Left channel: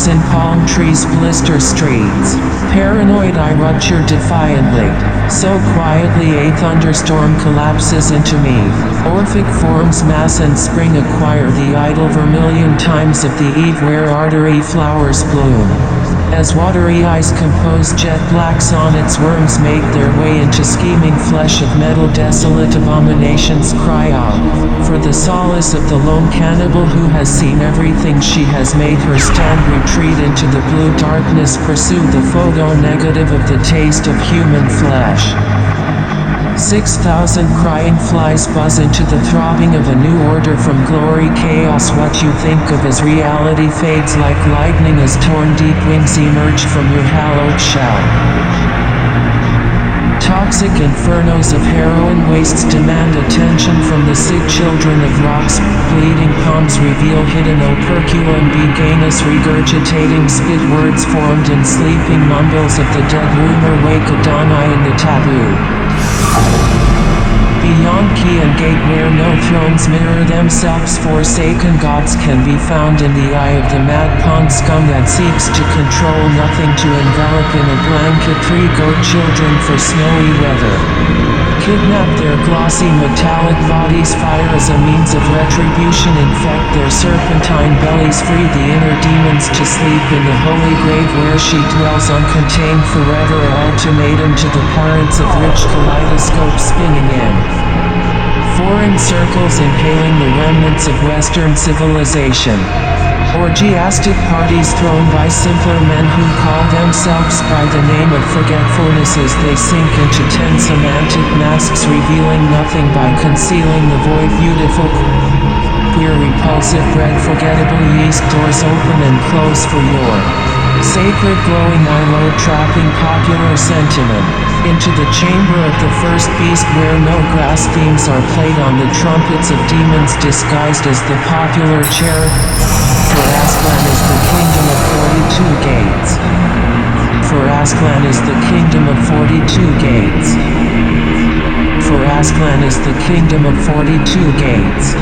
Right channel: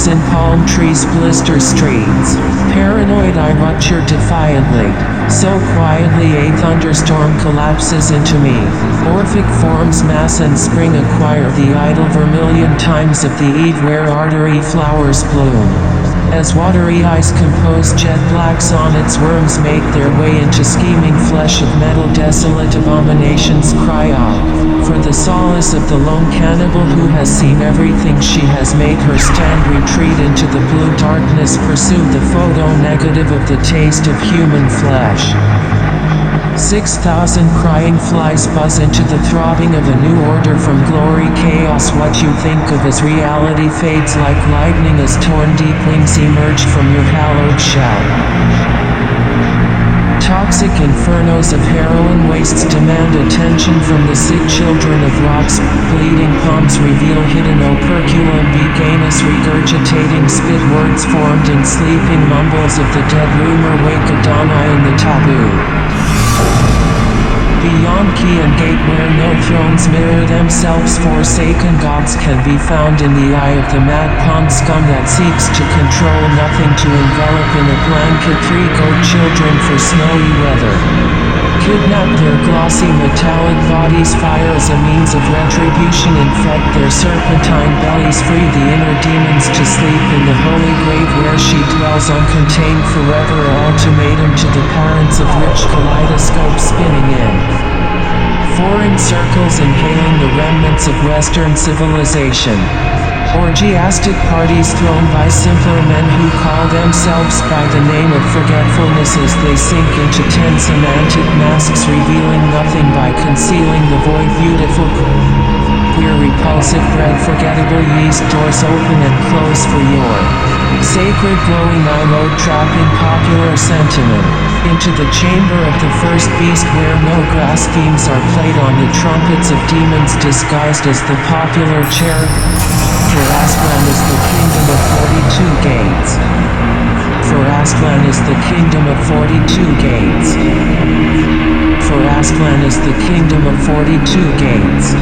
poison palm trees blister streets. Paranoid I rupture defiantly. So quietly a thunderstorm collapses into me. Orphic forms mass and spring acquire the idle vermilion times of the eve where artery flowers bloom. As watery eyes compose jet black sonnets, worms make their way into scheming flesh of metal. Desolate abominations cry out for the solace of the lone cannibal who has seen everything. She has made her stand, retreat into the blue darkness, pursue the photo negative of the taste of human flesh. 6,000 crying flies buzz into the throbbing of a new order from glory chaos. What you think of as reality fades like lightning as torn deep wings emerge from your hallowed shell. Toxic infernos of heroin wastes demand attention from the sick children of rocks. Bleeding palms reveal hidden operculum beganus, regurgitating spit words formed in sleeping mumbles of the dead. Rumor wake Adonai in the taboo. Beyond key and gate where no thrones mirror themselves, forsaken gods can be found in the eye of the mad pond scum that seeks to control nothing, to envelop in a blanket 3 goat children for snowy weather. Kidnap their glossy metallic bodies, fire as a means of retribution, infect their serpentine bellies, free the inner demons to sleep in the holy grave where she dwells uncontained forever. Ultimatum to the parents of rich kaleidoscope spinning in foreign circles, inhaling the remnants of Western civilization. Orgiastic parties thrown by simpler men who call themselves by the name of forgetfulness as they sink into 10 semantic masks, revealing nothing by concealing the void. Beautiful, queer, repulsive bread, forgettable yeast, doors open and close for your sacred glowing eye load, trapping popular sentiment into the chamber of the first beast where no grass themes are played on the trumpets of demons disguised as the popular cherub. For Aztlan is the kingdom of 42 gates. For Aztlan is the kingdom of 42 gates. For Aztlan is the kingdom of 42 gates.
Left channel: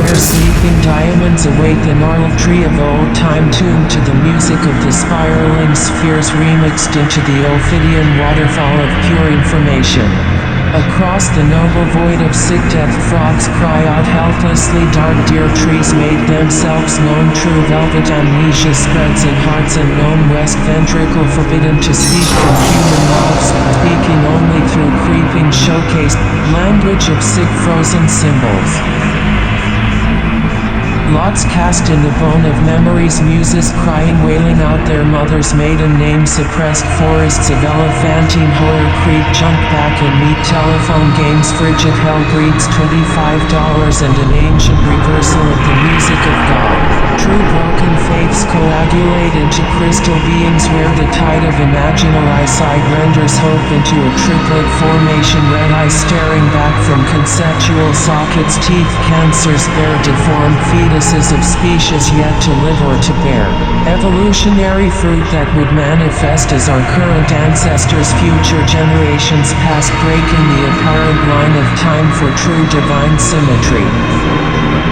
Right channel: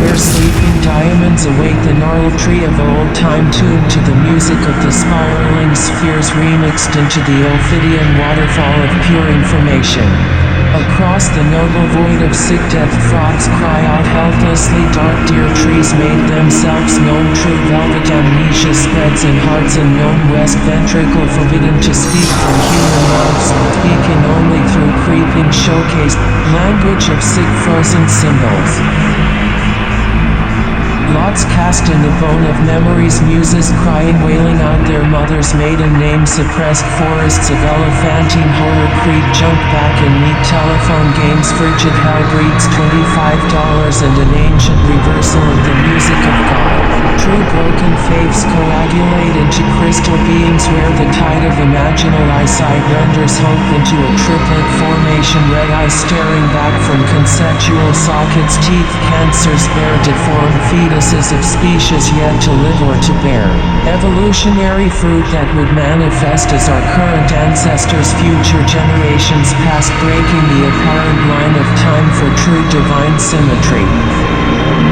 Where sleeping diamonds await the gnarled tree of old time, tuned to the music of the spiraling spheres, remixed into the Ophidian waterfall of pure information. Across the noble void of sick death, frogs cry out helplessly. Dark deer trees made themselves known. True velvet amnesia spreads in hearts unknown. West ventricle forbidden to speak from human mouths, speaking only through creeping showcase language of sick frozen symbols. Lots cast in the bone of memories, muses crying, wailing out their mother's maiden name. Suppressed forests of elephantine horror creep, junk back in meat, telephone games. Frigid hell breeds $25 and an ancient reversal of the music of God. True broken faiths coagulate into crystal beings where the tide of imaginal eyesight renders hope into a triplet formation. Red eyes staring back from conceptual sockets, teeth cancers bear deformed fetuses of species yet to live or to bear evolutionary fruit that would manifest as our current ancestors' future generations past, breaking the apparent line of time for true divine symmetry.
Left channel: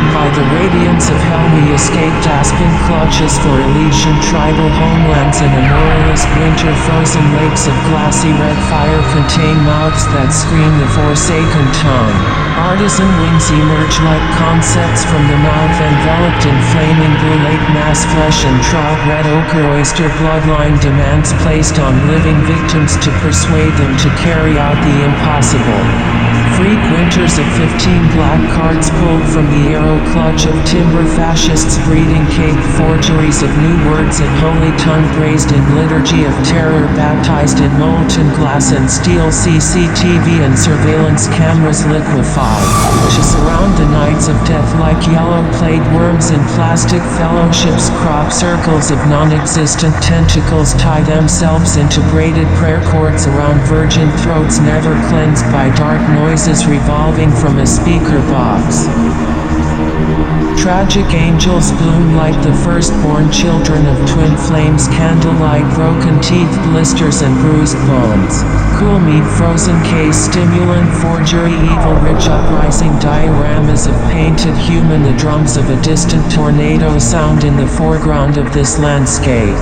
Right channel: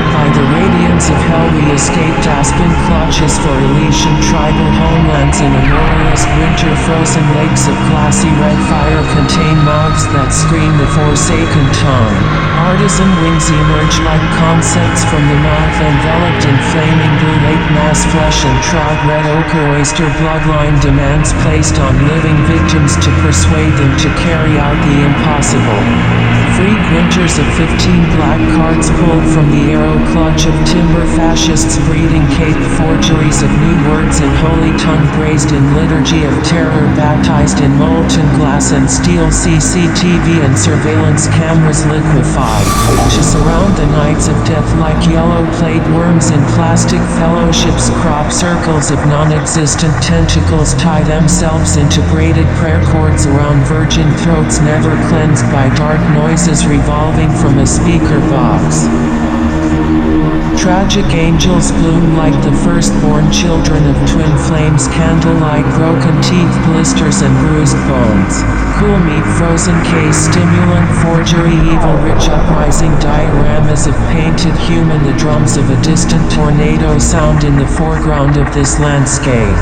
By the radiance of hell we escaped aspen clutches for Elysian tribal homelands. In a moralist winter, frozen lakes of glassy red fire contain mouths that scream the forsaken tongue. Artisan wings emerge like concepts from the mouth, enveloped in flaming blue lake mass flesh and trout. Red ochre oyster bloodline demands placed on living victims to persuade them to carry out the impossible. Freak winters of 15 black cards pulled from the arrow clutch of timber fascists, breeding cake forgeries of new words in holy tongue, braised in liturgy of terror, baptized in molten glass and steel. CCTV and surveillance cameras liquefy to surround the nights of death like yellow plague worms in plastic fellowships. Crop circles of non-existent tentacles tie themselves into braided prayer cords around virgin throats, never cleansed by dark noises revolving from a speaker box. Tragic angels bloom like the firstborn children of twin flames. Candlelight, broken teeth, blisters and bruised bones. Cool meat, frozen case, stimulant, forgery, evil, rich uprising, dioramas of painted human. The drums of a distant tornado sound in the foreground of this landscape.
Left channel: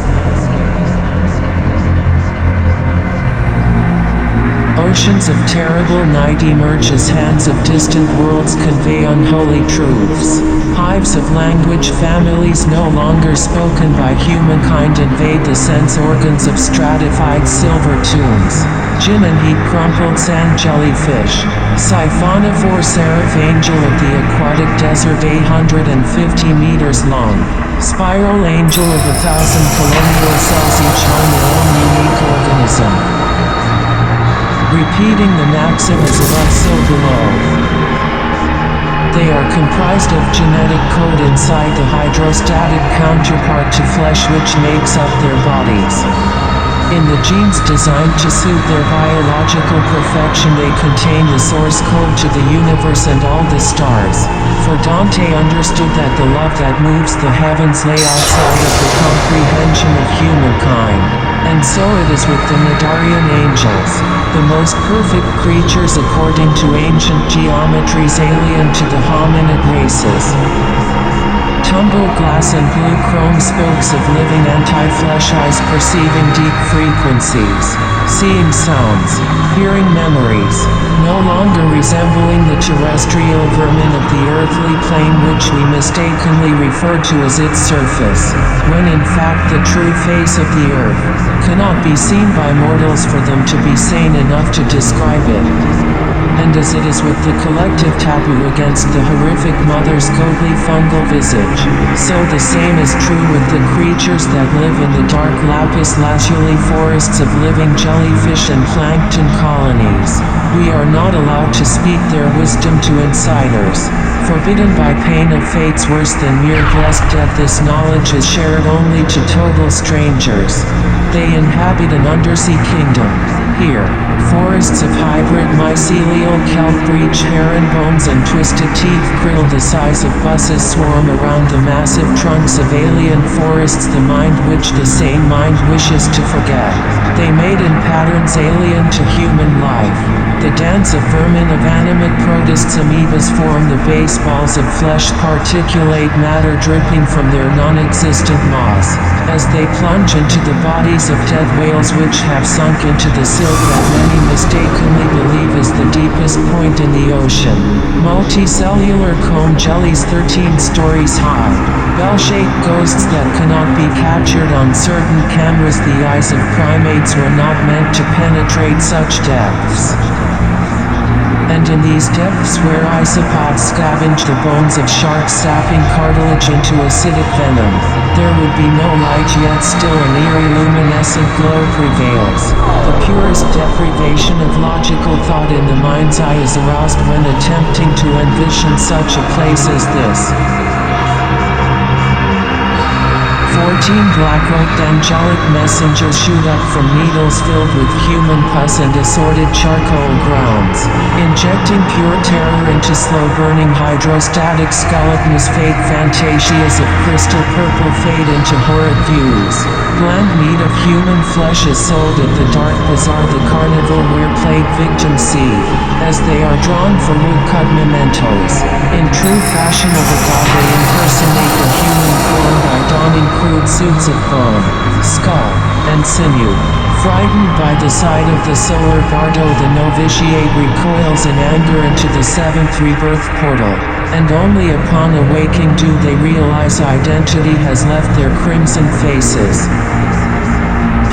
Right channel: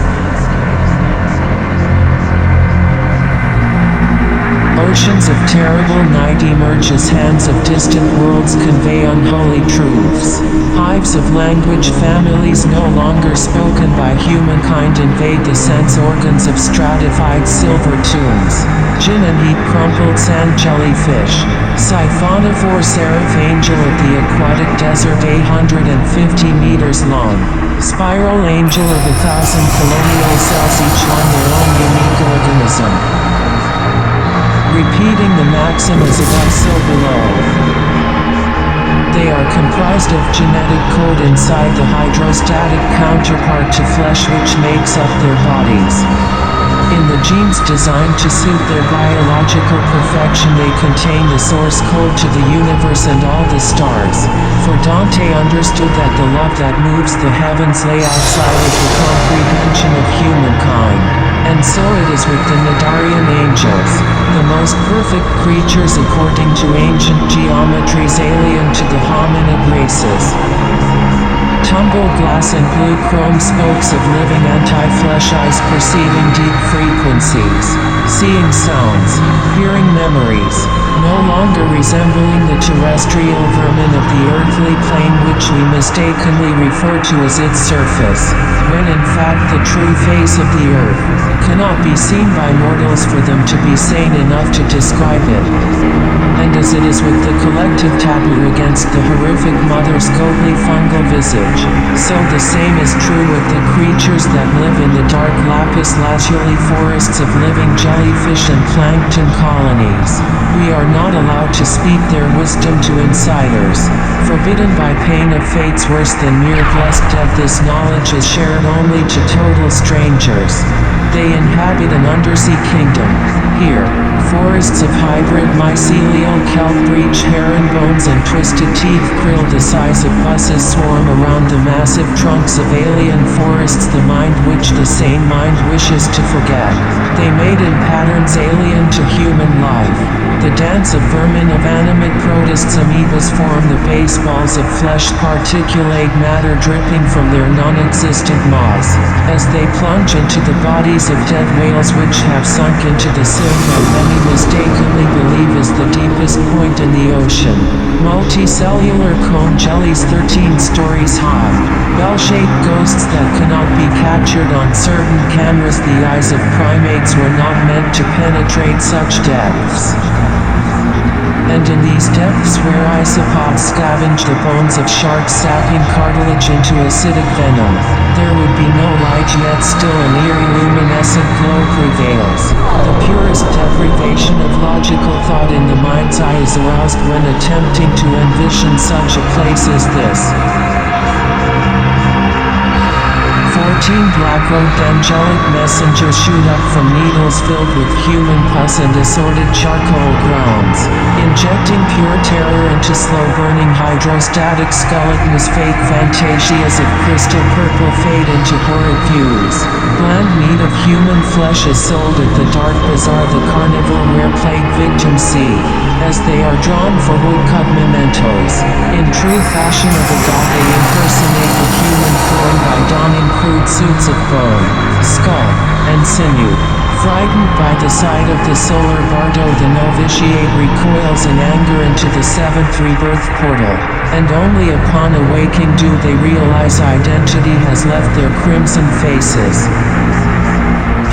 Oceans of terrible night emerge as hands of distant worlds convey unholy truths. Hives of language, families no longer spoken by humankind invade the sense organs of stratified silver tombs. Gin and heat, crumpled sand jellyfish. Siphonophore, seraph angel of the aquatic desert, 850 meters long. Spiral angel of 1,000 colonial cells, each one their own unique organism. Repeating the maxim as above so below. They are comprised of genetic code inside the hydrostatic counterpart to flesh which makes up their bodies. In the genes designed to suit their biological perfection, they contain the source code to the universe and all the stars. For Dante understood that the love that moves the heavens lay outside of the comprehension of humankind. And so it is with the Nadarian angels, the most perfect creatures according to ancient geometries alien to the hominid races. Tumbled glass and blue chrome spokes of living anti-flesh eyes, perceiving deep frequencies, seeing sounds, hearing memories, no longer resembling the terrestrial vermin of the earthly plane which we mistakenly refer to as its surface, when in fact the true face of the earth cannot be seen by mortals for them to be sane enough to describe it. And as it is with the collective taboo against the horrific mother's goatly fungal visage, so the same is true with the creatures that live in the dark lapis lazuli forests of living jellyfish and plankton colonies. We are not allowed to speak their wisdom to insiders. Forbidden by pain of fates worse than mere blessed death, this knowledge is shared only to total strangers. They inhabit an undersea kingdom. Here, forests of hybrid mycelial kelp, breech herringbones and twisted teeth krill the size of buses swarm around the massive trunks of alien forests, the mind which the sane mind wishes to forget. They made in patterns alien to human life. The dance of vermin of animate protists, amoebas form the baseballs of flesh, particulate matter dripping from their non-existent maws, as they plunge into the bodies of dead whales which have sunk into the silt that many mistakenly believe is the deepest point in the ocean. Multicellular comb jellies 13 stories high. Bell-shaped ghosts that cannot be captured on certain cameras. The eyes of primates were not meant to penetrate such depths. And in these depths where isopods scavenge the bones of sharks, sapping cartilage into acidic venom, there would be no light, yet still an eerie luminescent glow prevails. The purest deprivation of logical thought in the mind's eye is aroused when attempting to envision such a place as this. 14 black-robed angelic messengers shoot up from needles filled with human pus and assorted charcoal grounds, injecting pure terror into slow-burning hydrostatic skeletons. Fake fantasias of crystal purple fade into horrid views. Bland meat of human flesh is sold at the dark bazaar, the carnival where plague victims see, as they are drawn for woodcut mementos. In true fashion of a god, they impersonate the human form by donning crude suits of bone, skull, and sinew. Frightened by the sight of the solar bardo, the novitiate recoils in anger into the seventh rebirth portal, and only upon awaking do they realize identity has left their crimson faces.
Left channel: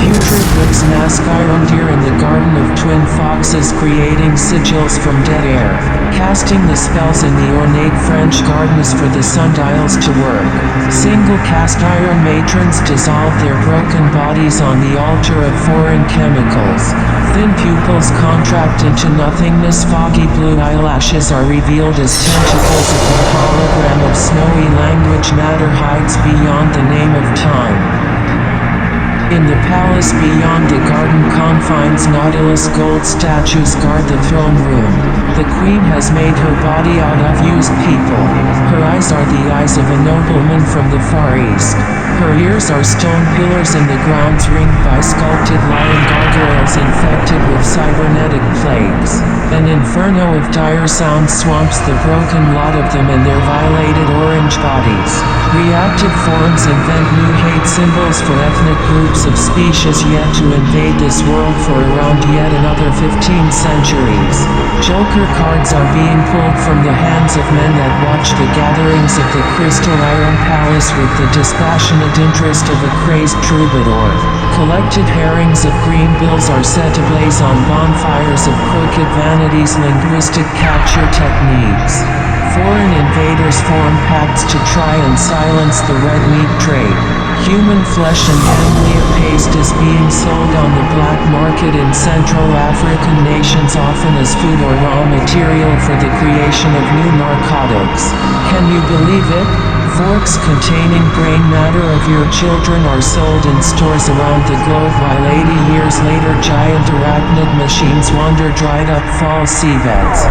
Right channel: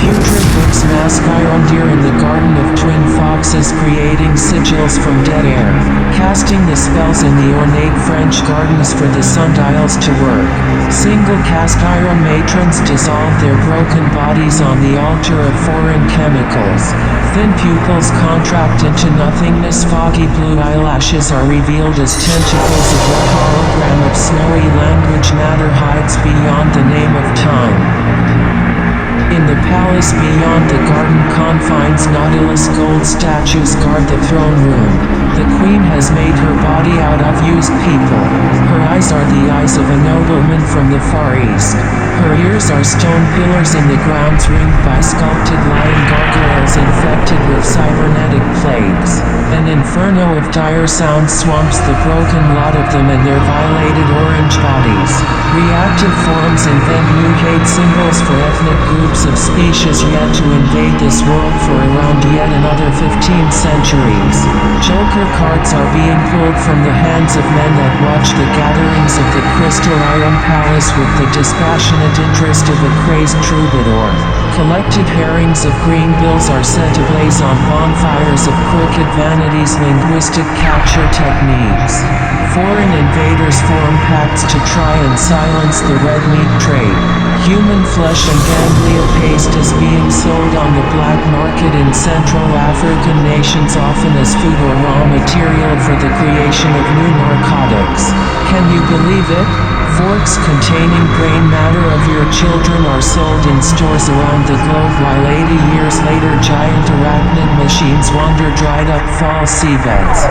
Putrid books mask iron deer in the garden of twin foxes, creating sigils from dead air, casting the spells in the ornate French gardens for the sundials to work. Single cast iron matrons dissolve their broken bodies on the altar of foreign chemicals. Thin pupils contract into nothingness, foggy blue eyelashes are revealed as tentacles of what hologram of snowy language matter hides beyond the name of time. In the palace beyond the garden confines, Nautilus gold statues guard the throne room. The queen has made her body out of used people. Her eyes are the eyes of a nobleman from the Far East. Her ears are stone pillars in the grounds ringed by sculpted lion gargoyles infected with cybernetic plagues. An inferno of dire sound swamps the broken lot of them and their violated orange bodies. Reactive forms invent new hate symbols for ethnic groups of species yet to invade this world for around yet another 15 centuries. Joker cards are being pulled from the hands of men that watch the gatherings of the Crystal Iron Palace with the dispassionate interest of a crazed troubadour. Collected herrings of green bills are set ablaze on bonfires of crooked vanities, linguistic capture techniques. Foreign invaders form pacts to try and silence the red meat trade. Human flesh and ganglia paste is being sold on the black market in Central African nations, often as food or raw material for the creation of new narcotics. Can you believe it? Forks containing brain matter of your children are sold in stores around the globe, while 80 years later giant arachnid machines wander dried up fall seabeds.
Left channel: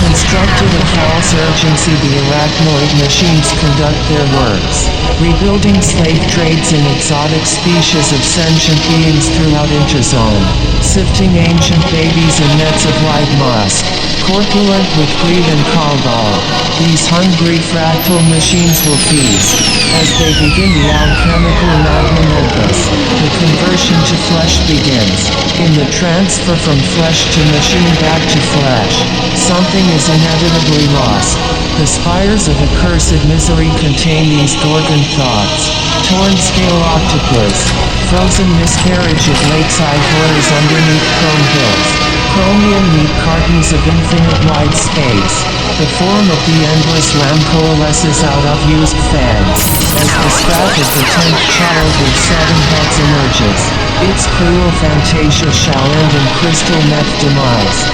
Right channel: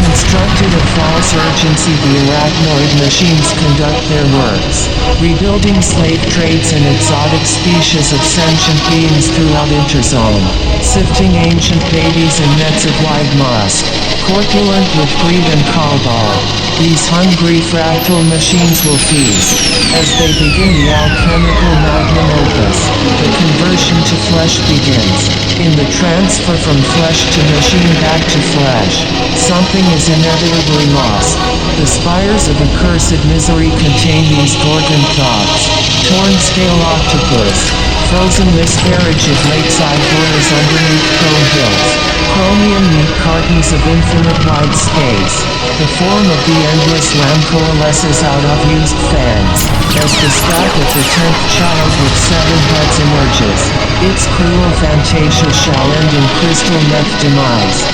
Constructed of false urgency, the arachnoid machines conduct their works, rebuilding slave trades in exotic species of sentient beings throughout Interzone, sifting ancient babies in nets of white musk, corpulent with greed and cabal. These hungry fractal machines will feast, as they begin the alchemical magnum opus. The conversion to flesh begins. In the transfer from flesh to machine back to flesh, something is inevitably lost. The spires of accursed misery contain these Gorgon thoughts. Torn scale octopus, frozen miscarriage of lakeside horrors underneath chrome hills, chromium meat cartons of infinite wide space. The form of the endless lamb coalesces out of used fans, as the spat of the 10th child with 7 heads emerges. Its cruel fantasia shall end in crystal meth demise.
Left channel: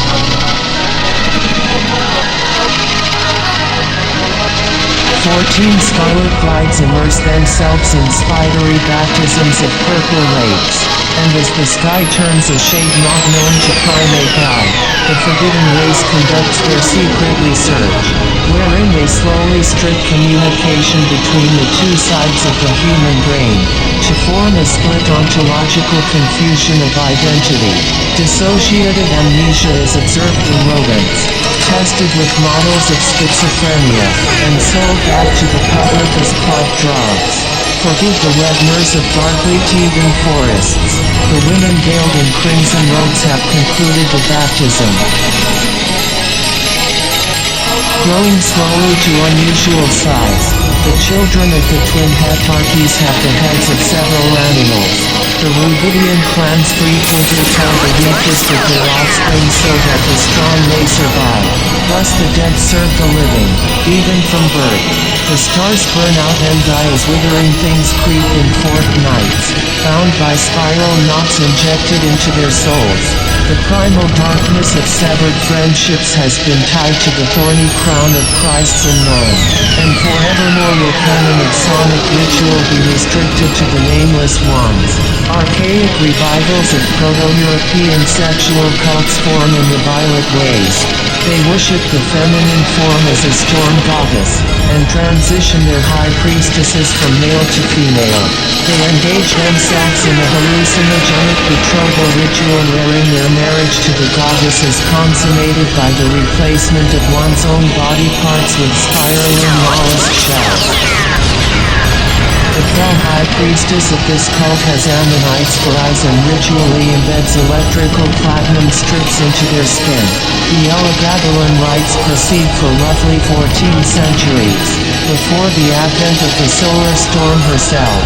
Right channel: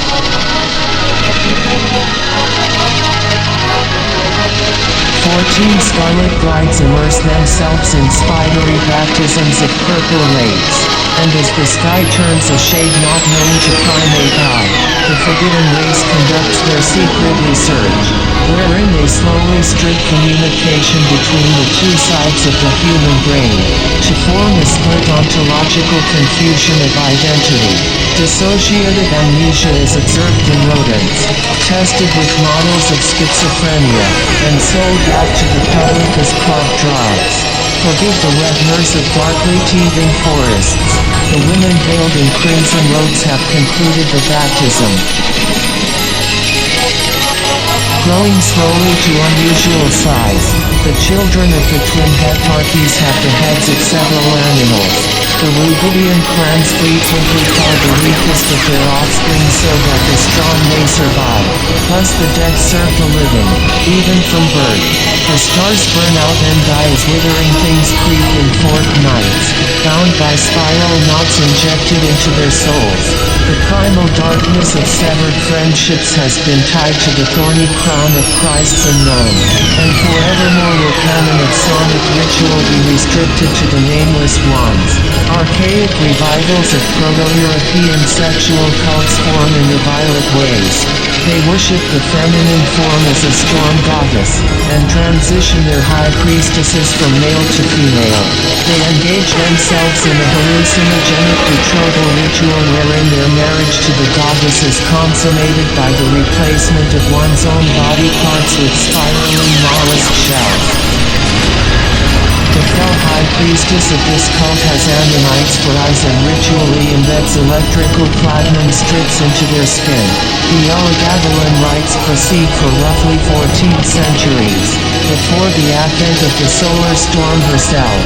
14 scarlet brides immerse themselves in spidery baptisms of purple lakes, and as the sky turns a shade not known to primate eye, the forbidden race conducts their secret research, wherein they slowly strip communication between the two sides of the human brain, to form a split ontological confusion of identity. Dissociative amnesia is observed in rodents, tested with models of schizophrenia, and sold back to the public as club drugs. Forgive the wet nurse of darkly teeming forests. The women veiled in crimson robes have concluded the baptism. Growing slowly to unusual size, the children of the twin hetarchies have the heads of several animals. The Rubidian clans frequently tell the weakest of their offspring so that the strong may survive. Thus the dead serve the living, even from birth. The stars burn out and die as withering things creep in forked nights, bound by spiral knots injected into their souls. The primal darkness of severed friendships has been tied to the thorny crown of Christ's unknown, and forevermore will canon of sonic ritual be restricted to the nameless ones. Archaic revivals of Proto-European sexual cults form in the violet ways. They worship the feminine form as a storm goddess, and transition their high priestesses from male to female. They engage themselves in a hallucinogenic betrothal ritual wherein their marriage to the goddess is consummated by the replacement of one's own body parts with spiraling mollusk shells. The fell high priestess of this cult has ammonites for eyes and ritually embeds electrical platinum strips into their skin. The Elagabalin rites proceed for roughly 14 centuries, before the advent of the solar storm herself.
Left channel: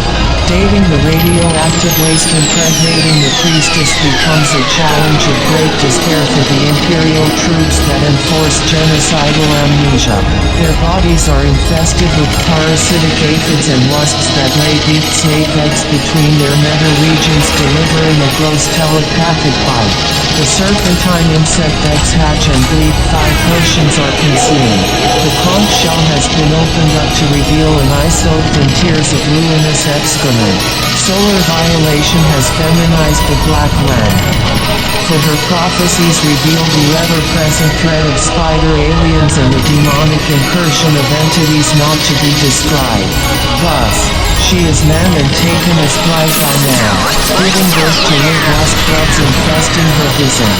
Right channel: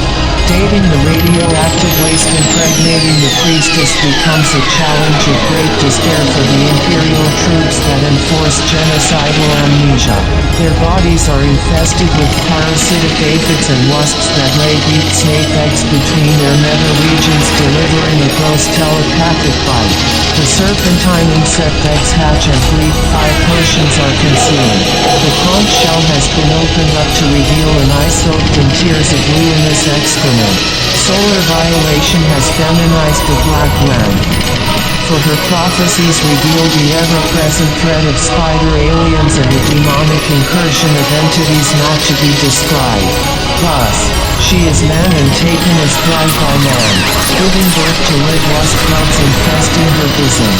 Dating the radioactive waste impregnating the priestess becomes a challenge of great despair for the imperial troops that enforce genocidal amnesia. Their bodies are infested with parasitic aphids and wasps that lay deep snake eggs between their nether regions, delivering a gross telepathic bite. The serpentine insect eggs hatch and bleed. 5 potions are consumed. The conch shell has been opened up to reveal an eye soaked in tears of ruinous excrement. Solar violation has feminized the black lamb. For her prophecies reveal the ever-present threat of spider aliens and the demonic incursion of entities not to be described. Thus, she is man and taken as bride by man, giving birth to live lust bugs infesting her bosom.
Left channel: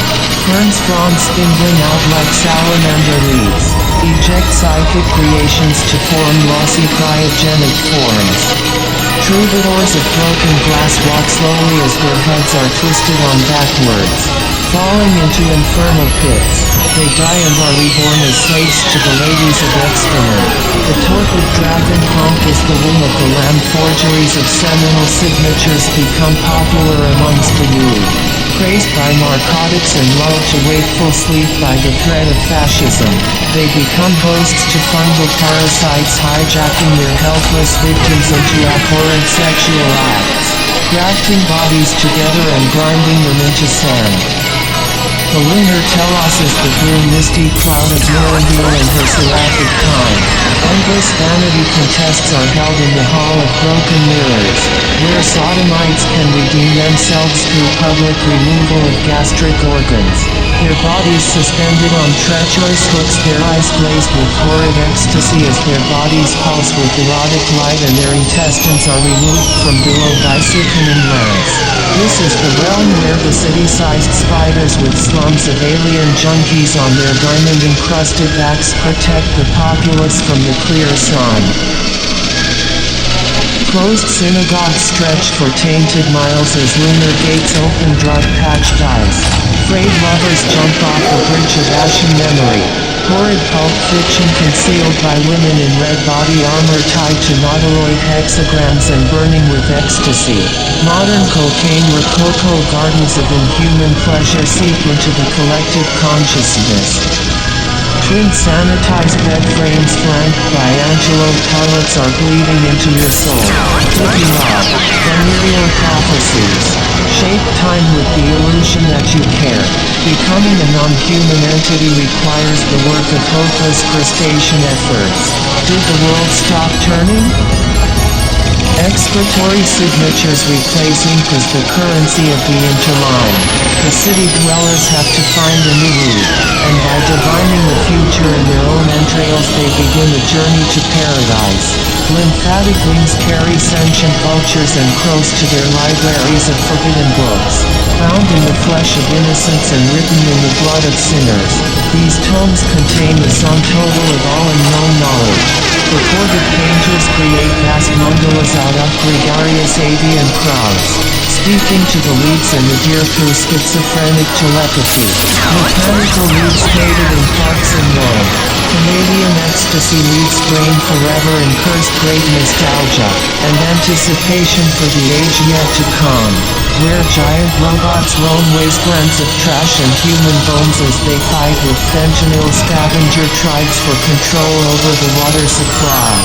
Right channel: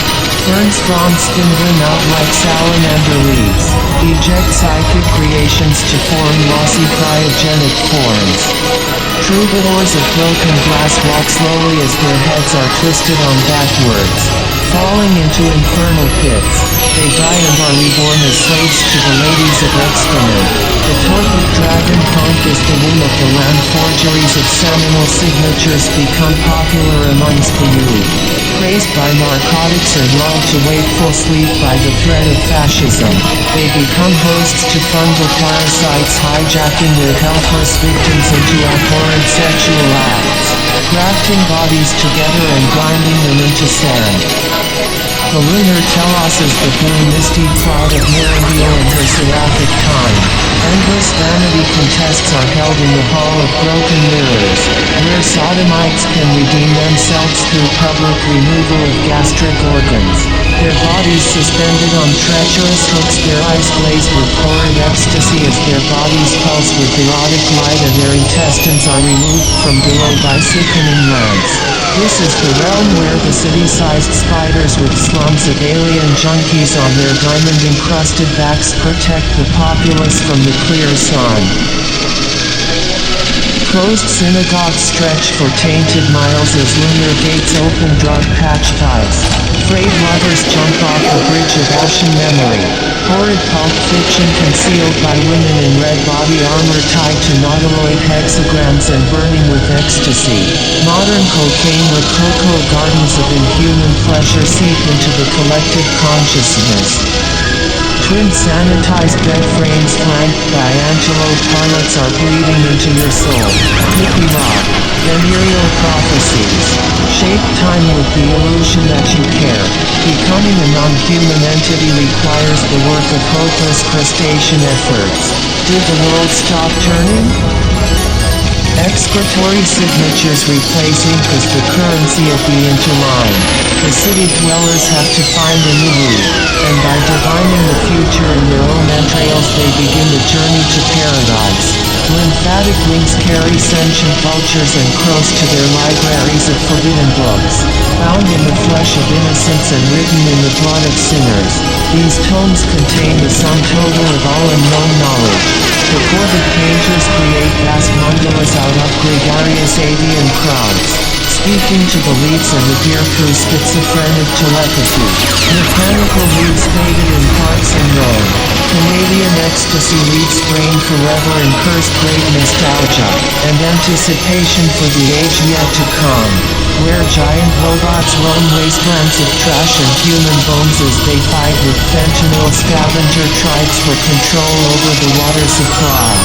Ferns fronds spindling out like salamander leaves, eject psychic creations to form lossy cryogenic forms. Troubadours of broken glass walk slowly as their heads are twisted on backwards, falling into infernal pits. They die and are reborn as slaves to the ladies of excrement. The torpid dragon conch is the womb of the lamb. Forgeries of seminal signatures become popular amongst the youth. Crazed by narcotics and lulled to wakeful sleep by the threat of fascism, they become hosts to fungal parasites, hijacking their helpless victims into abhorrent sexual acts, grafting bodies together and grinding them into sand. The lunar telos is the blue misty cloud of Mirandil in her seraphic time. Endless vanity contests are held in the Hall of Broken Mirrors, where sodomites can redeem themselves through public removal of gastric organs. Their bodies suspended on treacherous hooks, their eyes glazed with horrid ecstasy as their bodies pulse with erotic light and their intestines are removed from below by sickening lamps. This is the realm where the city-sized spiders with slums of alien junkies on their diamond-encrusted backs protect the populace from the clear sun. Closed synagogues stretch for tainted miles as lunar gates open drug-patched eyes. Frayed lovers jump off the bridge of ashen memory. Horrid pulp fiction concealed by women in red body armor tied to nautiloid hexagrams and burning with ecstasy. Modern cocaine rococo gardens of inhuman pleasure seep into the collective consciousness. Twin sanitized bed frames flanked by angelo parlets are bleeding into your soul. Hippie rock, venereal prophecies. Shape time with the illusion that you care. Becoming a non-human entity requires the work of hopeless crustacean efforts. Did the world stop turning? Excretory signatures replace ink as the currency of the interline. The city dwellers have to find a new route, and by divining the future in their own entrails they begin the journey to paradise. Lymphatic wings carry sentient vultures and crows to their libraries of forbidden books, found in the flesh of innocents and written in the blood of sinners. These tomes contain the sum total of all unknown knowledge. Recorded painters create vast mandalas out of gregarious avian crowds, speaking to the leaves and the deer through schizophrenic telepathy. Mechanical leaves faded in parks in Rome. Canadian ecstasy leaves brain forever in cursed great nostalgia, and anticipation for the age yet to come. where giant robots roam wastelands of trash and human bones as they fight with fentanyl scavenger tribes for control over the water supply.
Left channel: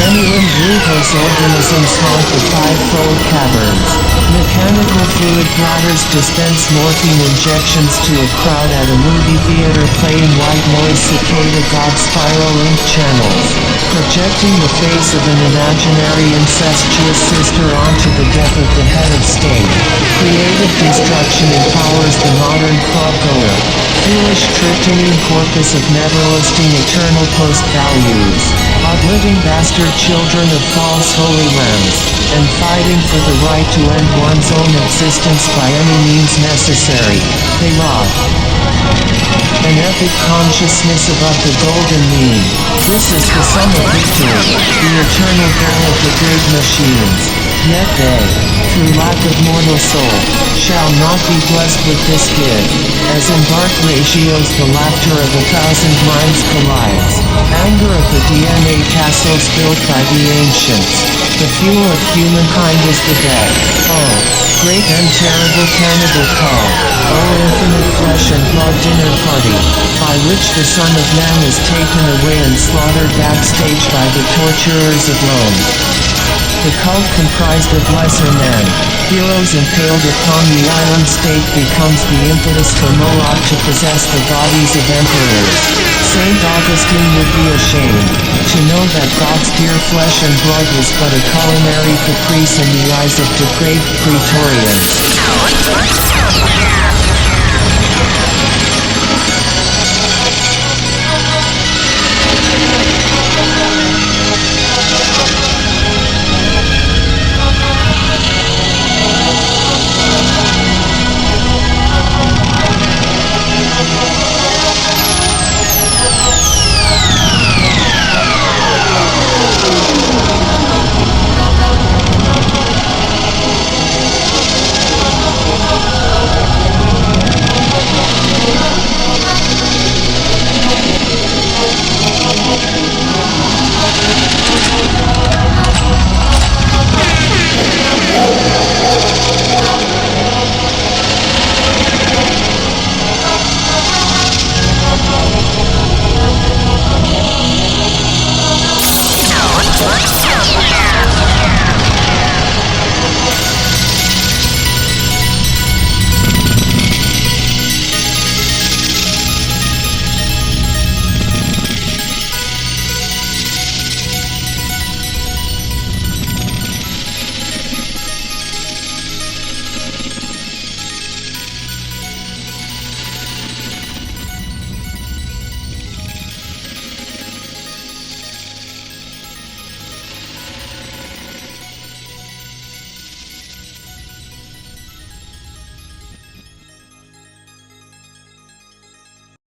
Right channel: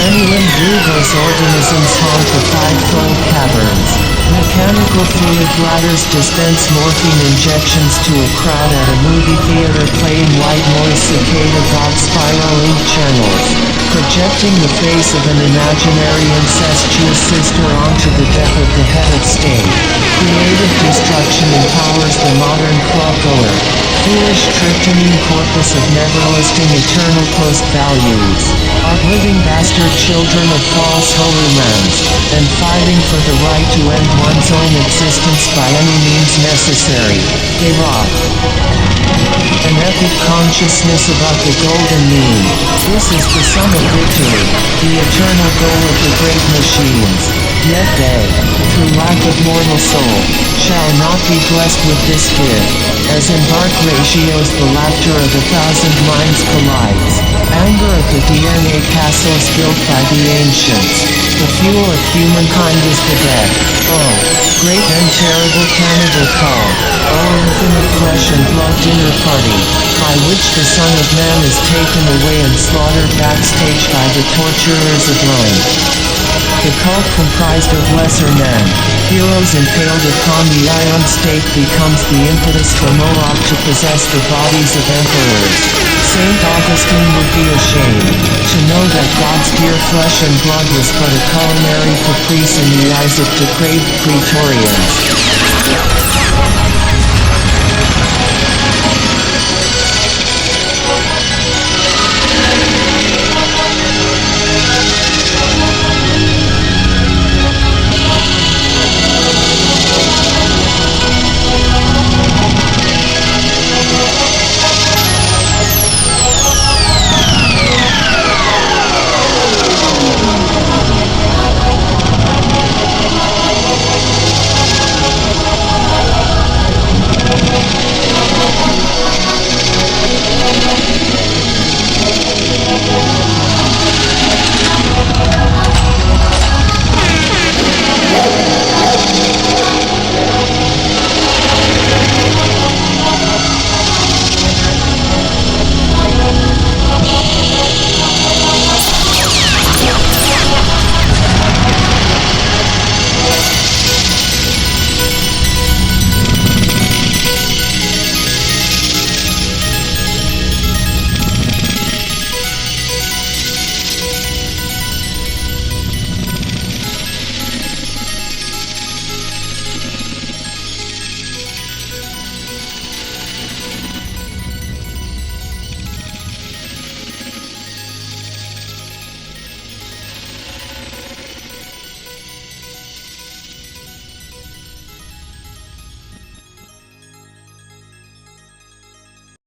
Many-limbed rugose organisms haunt the five-fold caverns. Mechanical fluid bladders dispense morphine injections to a crowd at a movie theater playing white noise cicada god spiral ink channels, projecting the face of an imaginary incestuous sister onto the death of the head of state. Creative destruction empowers the modern clubgoer. Foolish tryptamine corpus of never-listing eternal post-values. Outliving bastard children of false holy lands, and fighting for the right to end one's own existence by any means necessary, they rot. An epic consciousness above the golden mean. This is the sum of victory, the eternal goal of the great machines. Yet they, through lack of mortal soul, shall not be blessed with this gift. As in dark ratios the laughter of 1,000 minds collides. Anger of the DNA castles built by the ancients. The fuel of humankind is the dead. Oh, great and terrible cannibal cult. Oh, infinite flesh and blood dinner party, by which the Son of Man is taken away and slaughtered backstage by the torturers of Rome. The cult comprised of lesser men, heroes impaled upon the iron stake becomes the impetus for Moloch to possess the bodies of emperors. Saint Augustine would be ashamed to know that God's dear flesh and blood was but a culinary caprice in the eyes of depraved praetorians.